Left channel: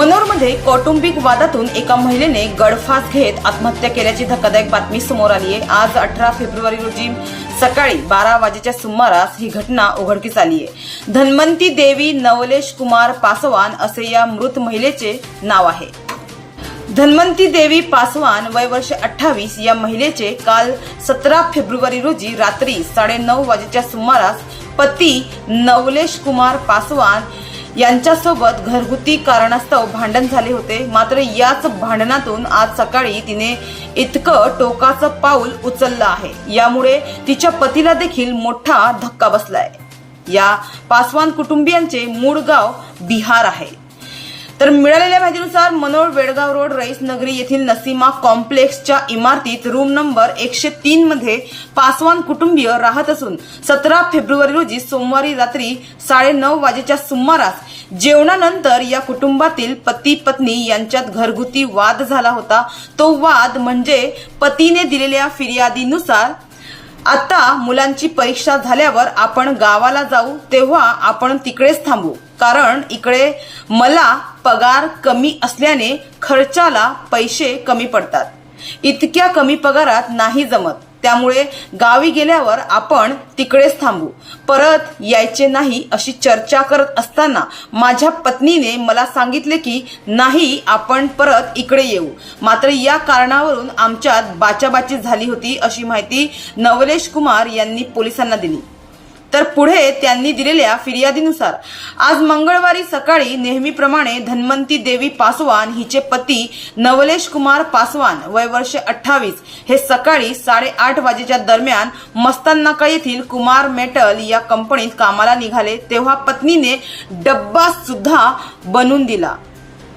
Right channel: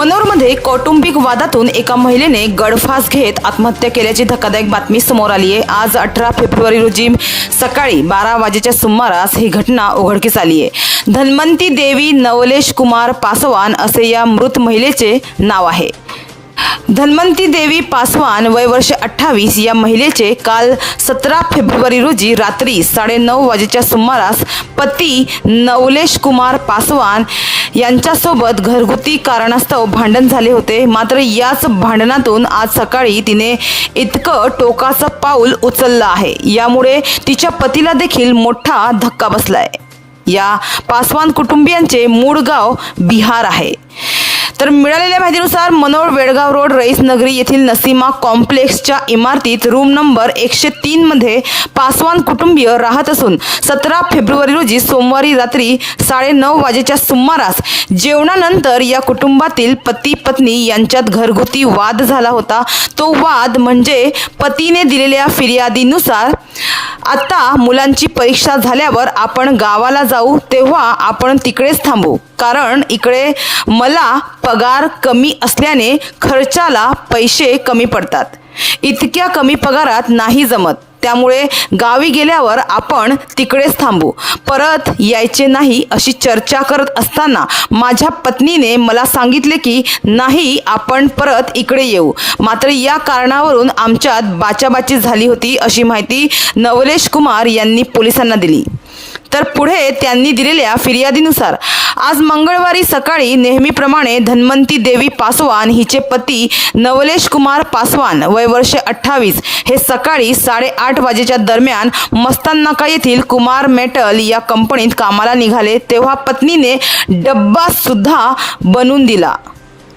मनोरमध्ये कौटुंबिक वादातून एका महिलेने गळफास घेत आत्महत्या केल्याची धक्कादायक बातमी समोर आली आहे. आज अठरा फेब्रुवारी रोजी सकाळी बारा वाजेच्या सुमारास ही घटना उघडकीस आली आहे. धन्वंती देवी नवलेश कुमार पासवान असे या मृत महिलेचे नाव आहे. धन्वंती देवी पासवान वय वर्ष अठ्ठावीस या महिलेचे काल सतरा फेब्रुवारी रोजी रात्री साडेनऊ वाजेच्या सुमारास पती नवलेश कुमार पासवान यांच्यासोबत घरगुती कारणास्तव भांडण झाले होते. मात्र याच भांडणातून आज सकाळी तिने इतकं टोकाचं पाऊल उचललं आहे. यामुळे तिच्या पतीला देखील मोठा धक्का बसलाय. या पासवान कुटुंबियांचे मूळ गाव बिहार आहे. तर मिळालेल्या माहितीनुसार मनोर वेडगाव रोड रईस नगरी येथील नसीमा कॉम्प्लेक्सच्या इमारतीत रूम नंबर एकशे तीन मध्ये पासवान कुटुंबीय राहत असून सतरा फेब्रुवारी रोजी सोमवारी रात्री साडेनऊ वाजेच्या सुमारास जेवणानंतर या कुटुंबातील पती पत्नी यांच्यात घरगुती वाद झाला होता. तो वाद म्हणजे पतीने दिलेल्या फिर्यादीनुसार आता मुलांची परीक्षा झाल्यावर आपण गावाला जाऊ तेव्हा आपण तिकडेच थांबू. कारण इकडे मला पगार कमी असल्याने खर्चाला पैसे कमी पडतात. इतक्या कमी पगारात नाही जमत. त्यामुळे गावी गेल्यावर आपण तिकडेच थांबू. परत यायचे नाही अशी चर्चा करत असताना माझ्या पत्नीने मला सांगितले की नाही आपण परत इकडे येऊ. मात्र या कारणावरून आमच्यात बाचाबाची झाली होती अशी माहिती नवलेश कुमार यांनी पोलिसांना दिली. तर पुढे त्यांनी दिलेल्या फिर्यादीनुसार आज मंगळवारी सकाळी नेहमीप्रमाणे धन्वंती देवी पासवान हिचे पती नवलेश कुमार पासवान वय वर्ष अठ्ठावीस. हे सकाळी साडेआठ वाजेच्या दरम्यान मस्ताननाका येथील कुमार मेटल या कंपनीत कामाला निघाले तेव्हा पत्नीने डब्बा सुद्धा बनवून दिला.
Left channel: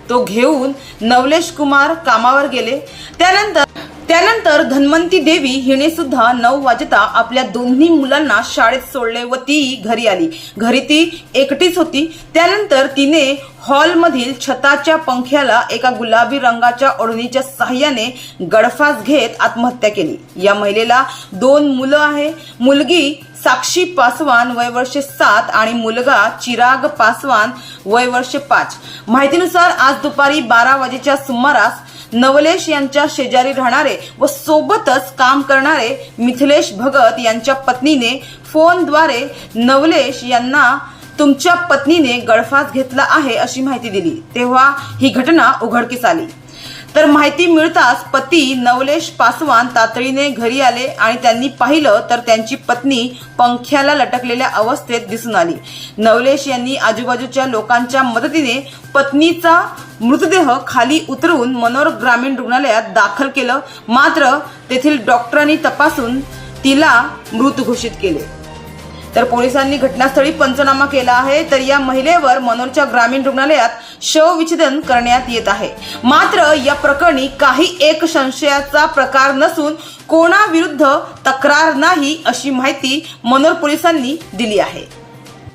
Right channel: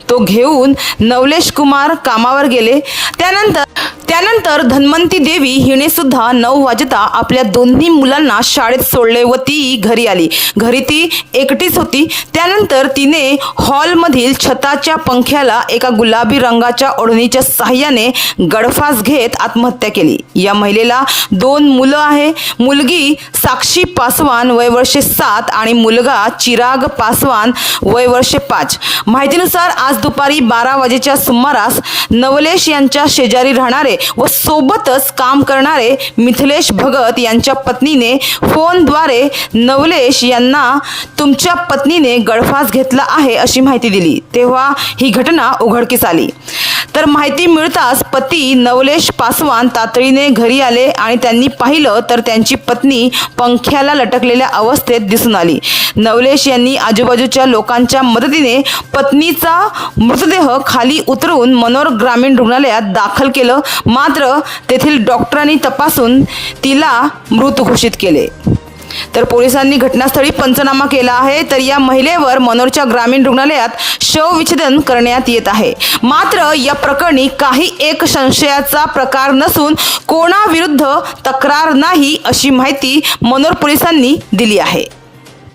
तो घेऊन नवलेश कुमार कामावर गेले. त्यानंतर त्यानंतर धन्वंती देवी हिने सुद्धा नऊ वाजता आपल्या दोन्ही मुलांना शाळेत सोडले व ती घरी आली. घरी ती एकटीच होती. त्यानंतर तिने हॉलमधील छताच्या पंख्याला एका गुलाबी रंगाच्या ओढणीच्या साह्याने गडफास घेत आत्महत्या केली. या महिलेला दोन मुलं आहे. मुलगी साक्षी पासवान वय वर्षे सात आणि मुलगा चिराग पासवान वय वर्षे पाच. माहितीनुसार आज दुपारी बारा वाजेच्या सुमारास नवलेश यांच्या शेजारी राहणारे व सोबतच काम करणारे मिथिलेश भगत यांच्या पत्नीने फोनद्वारे नवलेश यांना तुमच्या पत्नीने गळफास घेतला आहे अशी माहिती दिली. तेव्हा ही घटना उघडकीस आली. तर माहिती मिळताच पती नवलेश पासवान तातडीने घरी आले आणि त्यांनी पाहिलं तर त्यांची पत्नी पंख्याला लटकलेल्या अवस्थेत दिसून आली. नवलेश यांनी आजूबाजूच्या लोकांच्या मदतीने पत्नीचा मृतदेह खाली उतरून मनोर ग्रामीण रुग्णालयात दाखल केलं. मात्र तेथील डॉक्टरांनी तपासून तिला मृत घोषित केले. तर पोलिसांनी घटनास्थळी पंचनामा केला आहे. तर या महिलेवर मनोरच्या ग्रामीण रुग्णालयात शवविच्छेदन करण्यात येत आहे. मात्र या प्रकरणी काही एक संशयाचा प्रकार नसून कोणाविरुद्ध तक्रार नाही अशी माहिती मनोर पोलिसांनी दिली आहे.